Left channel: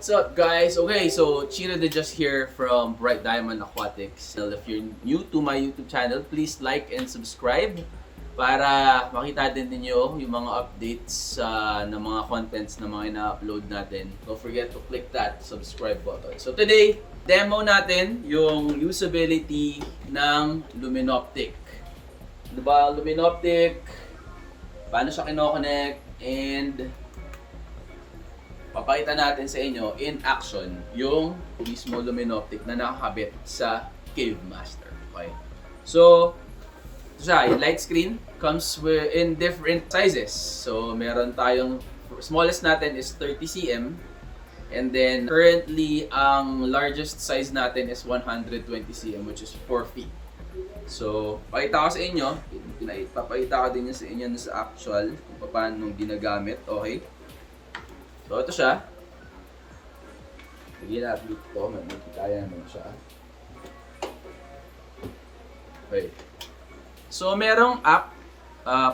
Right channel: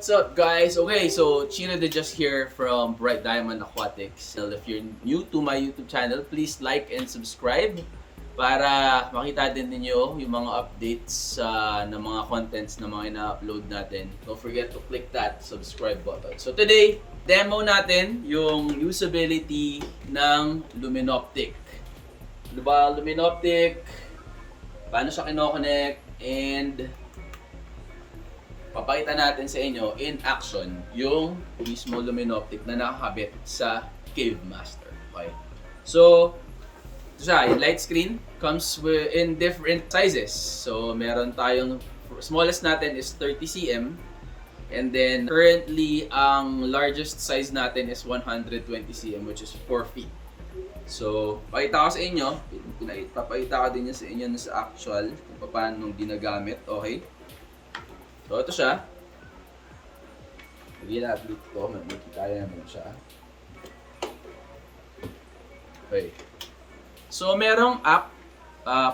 what's up guys? Okay, so Chino de just here from Bright Diamond Aquatics. So if you're new to my YouTube channel, please like and subscribe para makita din ninyo yung mga updates ng mga contents na mga ina-upload natin. Don't forget to click that subscribe button. So today, demo natin yung usability ng Lumenoptic. Ano ba Lumenoptic? Paano siya kino-connect? And papakita natin sa inyo in action yung mismo Lumenoptic na nakakabit sa Cave Master. Okay? So, ito siya, yung light screen comes in different sizes. So, meron tayong, smallest natin is 30 cm. And then, currently, ang largest size natin is 120 cm, which is 4 feet. So, pakita ko sa inyo, papakita ko din sa inyo sa actual kung paano ginagamit. Okay? So, ito siya. Lagyan natin ito. Kaya naman siya. Okay. So, merong app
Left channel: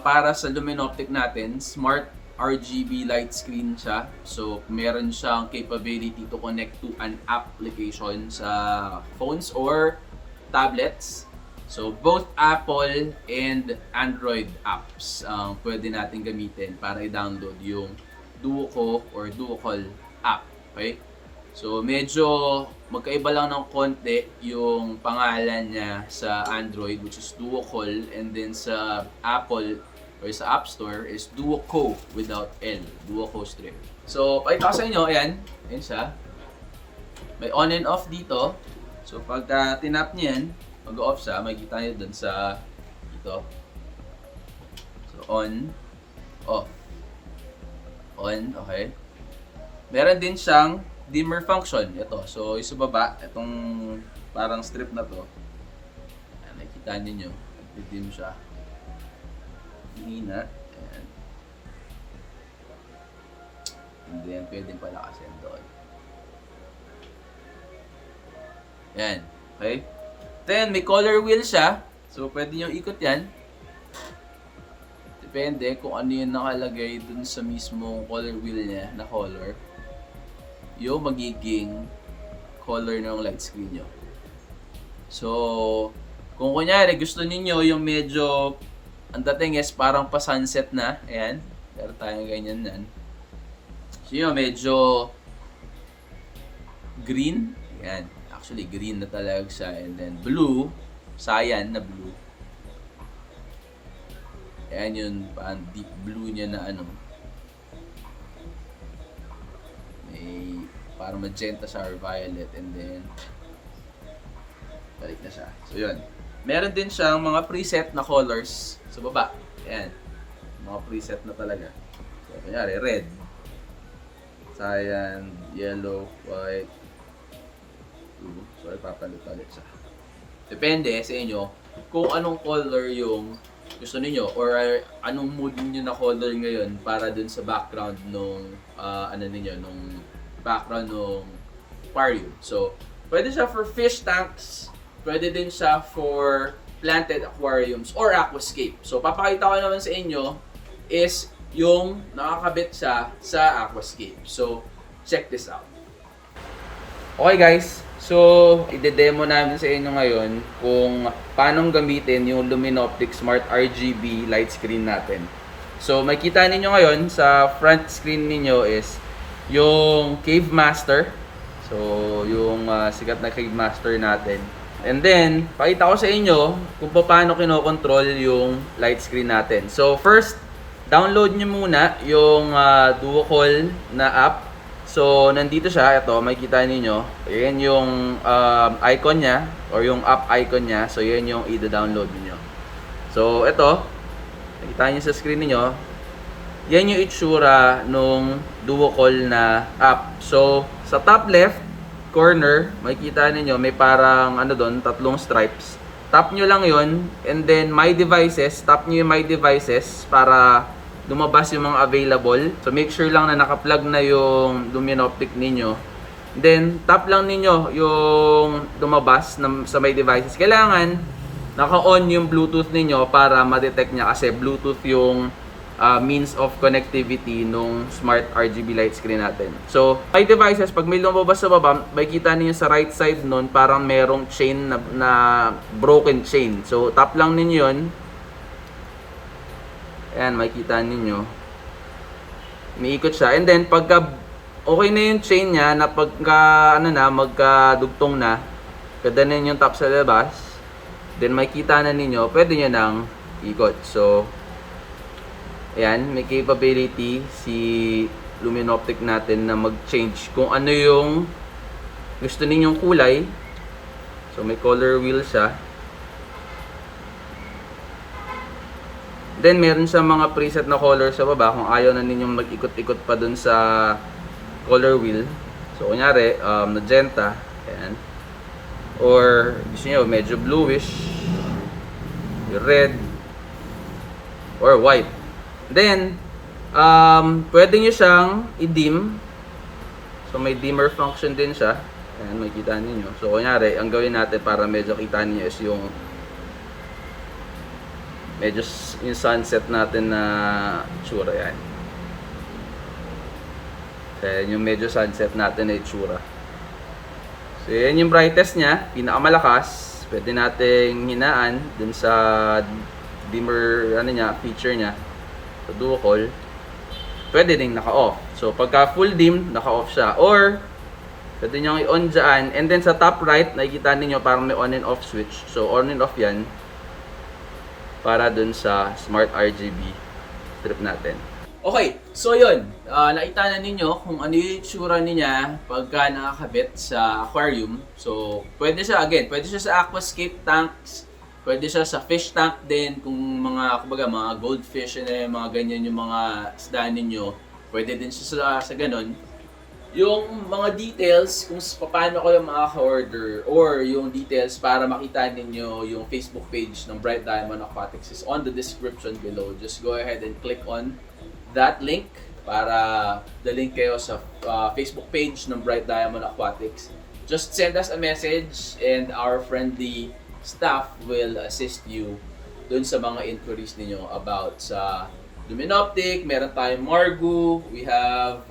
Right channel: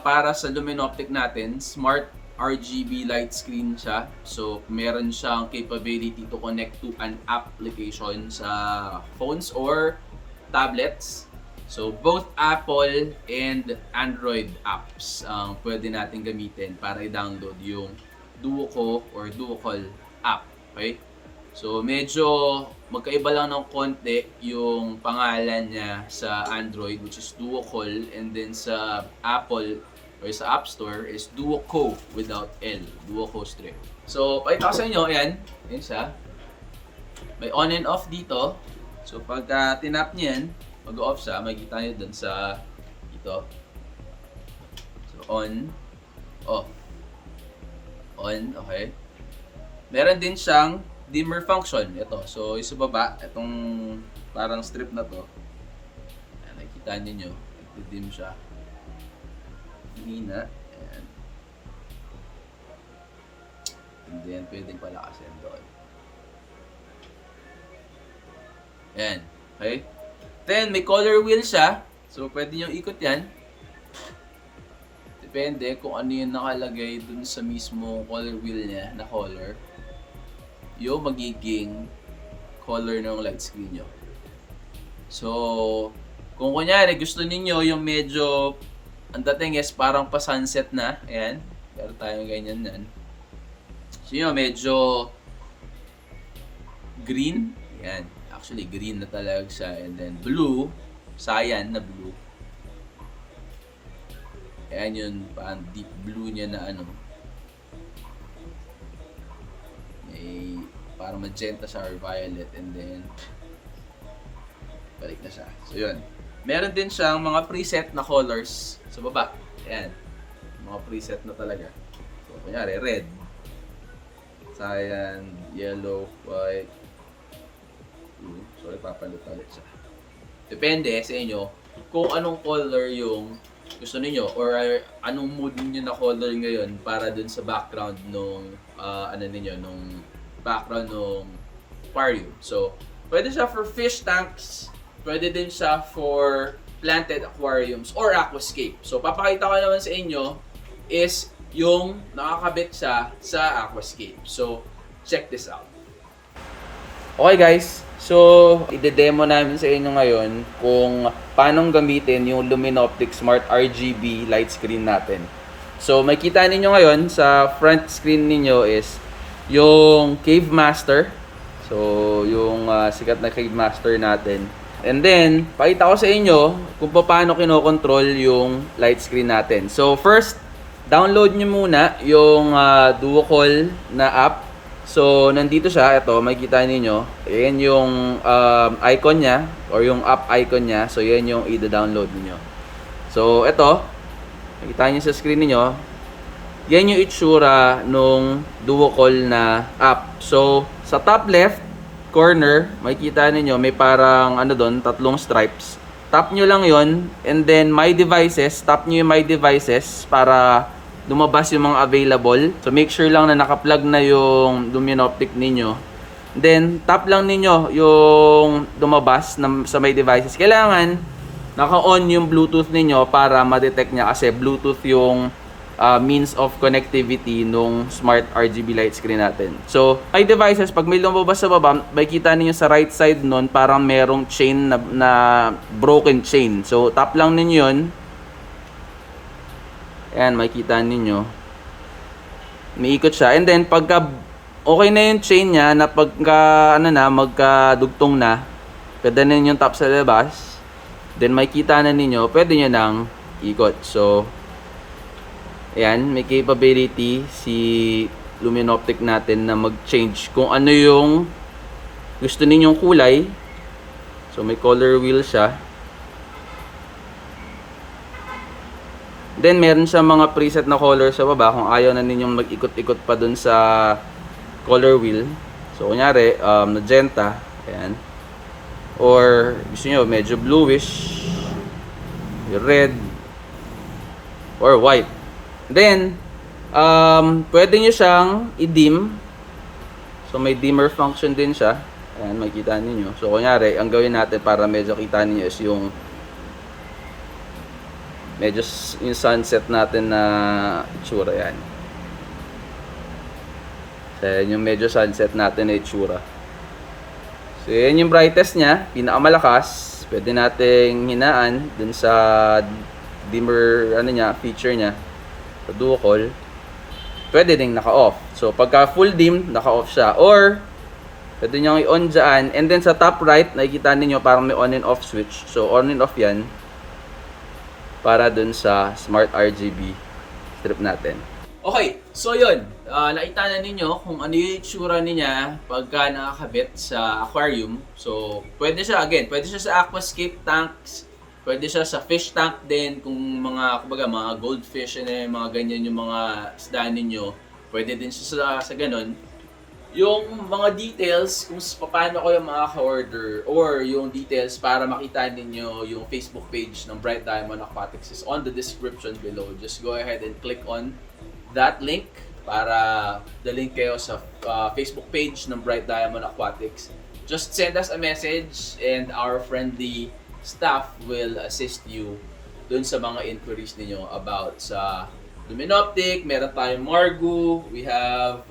para sa Lumenoptic natin. Smart RGB light screen siya. So, meron siyang capability to connect to an application sa phones or tablets. So, both Apple and Android apps ang pwede natin gamitin para i-download yung Duo or Duo-Call app. Okay? So, medyo magkaiba lang ng konti yung pangalan niya sa Android, which is Duo-Call, and then sa Apple or sa App Store is Duo-Co without L. Duo-Co strip. So, pakita ko sa inyo, ayan. Ayan siya. May on and off dito. So, pag tinap niya yan, mag-off siya. Makikita nyo dun sa dito. So, on, off. On, okay. Meron din siyang dimmer function. Ito. So, sa baba, itong parang strip na to. Nakikita niyo, nagdi-dim siya. Hina. Ayan. And then, pwedeng palakasin doon. Ayan. Okay. Then, may color wheel siya. So, pwede nyo ikot yan. Depende kung ano yung nakalagay dun sa mismo color wheel niya na color, yung magiging color ng light screen nyo. So, kung kunyari gusto niyo yung medyo, ang dating is parang pa sunset na, ayan, meron tayong ganyan nan. So yun, medyo green, ayan, actually green na talaga siya, and then blue, cyan na blue. Ayan yun, parang deep blue niya na ano. May parang magenta sa or violet, and then balik na siya. So yun. Meron din siyang mga preset na colors sa baba. Ayan. Mga preset na talaga. So, kunyari, red, cyan, yellow, white, blue. So, ipapalit-palit siya. Depende sa inyo kung anong color yung gusto niyo or anong mood niyo na color ngayon para dun sa background nung nung background nung aquarium. So, pwede siya for fish tanks, pwede din siya for planted aquariums or aquascape. So, papakita ko naman sa inyo is yung nakakabit siya sa aquascape. So, check this out. Okay guys, so i-demo namin sa inyo ngayon kung paano gamitin yung Lumenoptic Smart RGB light screen natin. So makita ninyo ngayon sa front screen ninyo is yung Cave Master. So yung sikat na Cave Master natin. And then, pakita ko sa inyo kung paano kino-control yung light screen natin. So first, download nyo muna yung Duo-Call na app. So, nandito siya. Ito, makikita ninyo. Ayan yung icon niya or yung app icon niya. So, yan yung i-download niyo. So, ito. Makikita niyo sa screen niyo. Yan yung itsura nung Duo-Call na app. So, sa top left corner, makikita ninyo may parang ano doon, tatlong stripes. Tap nyo lang yon, and then My Devices. Tap nyo yung My Devices para lumabas yung mga available. So make sure lang na naka-plug na yung Lumenoptic ninyo. Then tap lang ninyo yung lumabas sa My Devices. Kailangan naka-on yung Bluetooth ninyo para ma-detect niya kasi Bluetooth yung means of connectivity nung smart RGB light screen natin. So, my devices, pag may lumabas sa baba, makikita niyo sa right side nun, parang merong chain na broken chain. So, tap lang ninyo yun. Ayan, makikita ninyo. Umiikot siya. And then, pagka okay na yung chain niya, na pagka, magkadugtong na, pwede na yung tap sa labas. Then, makikita na ninyo, pwede nyo nang ikot. So, ayan, may capability si Lumenoptic natin na mag-change kung ano yung gusto ninyong kulay. So may color wheel siya. Then meron siya mga preset na color sa baba kung ayaw na ninyong mag-ikot-ikot pa dun sa color wheel. So kunyari, magenta, ayan. Or gusto nyo medyo bluish, red, or white. Then, pwede nyo siyang i-dim. So, may dimmer function din siya. Ayan, makikita ninyo. So, kunyari, ang gawin natin para medyo kita niyo is yung medyo yung sunset natin na itsura. Yan. So, yan yung medyo sunset natin na itsura. So, yan yung brightest niya. Pinakamalakas. Pwede nating hinaan dun sa dimmer feature niya. Sa duo call, pwede ding naka-off. So, pagka full dim, naka-off siya. Or, pwede nyo i-on dyan. And then, sa top right, nakikita ninyo parang may on and off switch. So, on and off yan. Para dun sa smart RGB strip natin. Okay, so yun. Nakita na ninyo kung ano yung itsura niya pagka nakakabit sa aquarium. So, pwede siya, pwede siya sa aquascape tanks. Pwede siya sa fish tank din, kung mga goldfish and mga ganyan yung mga isda ninyo. Pwede din siya sa ganun. Yung mga details kung paano kayo makaka-order or yung details para makita ninyo yung Facebook page ng Bright Diamond Aquatics is on the description below. Just go ahead and click on that link para the-link kayo sa Facebook page ng Bright Diamond Aquatics. Just send us a message and our friendly staff will assist you dun sa mga inquiries niyo about sa Lumenoptic. Meron tayong Margu. We have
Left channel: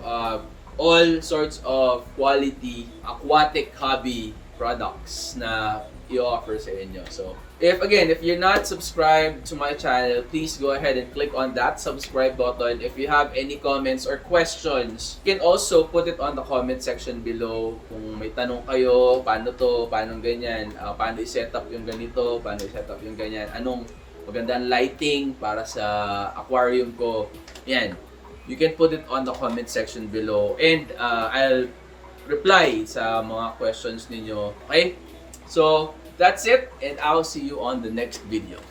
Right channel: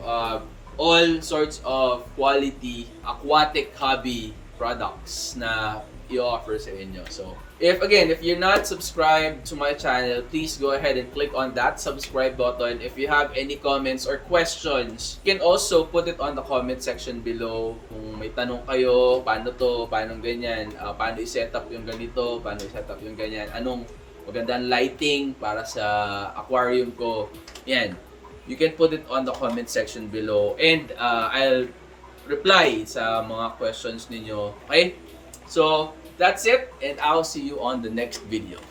all sorts of quality aquatic hobby products na i-offer sa inyo. So, if you're not subscribed to my channel, please go ahead and click on that subscribe button. If you have any comments or questions, you can also put it on the comment section below. Kung may tanong kayo, paano to, paano ganyan, paano i-set up yung ganito, paano i-set up yung ganyan, anong magandang lighting para sa aquarium ko, yan. You can put it on the comment section below and I'll reply sa mga questions ninyo. Okay? So, that's it and I'll see you on the next video.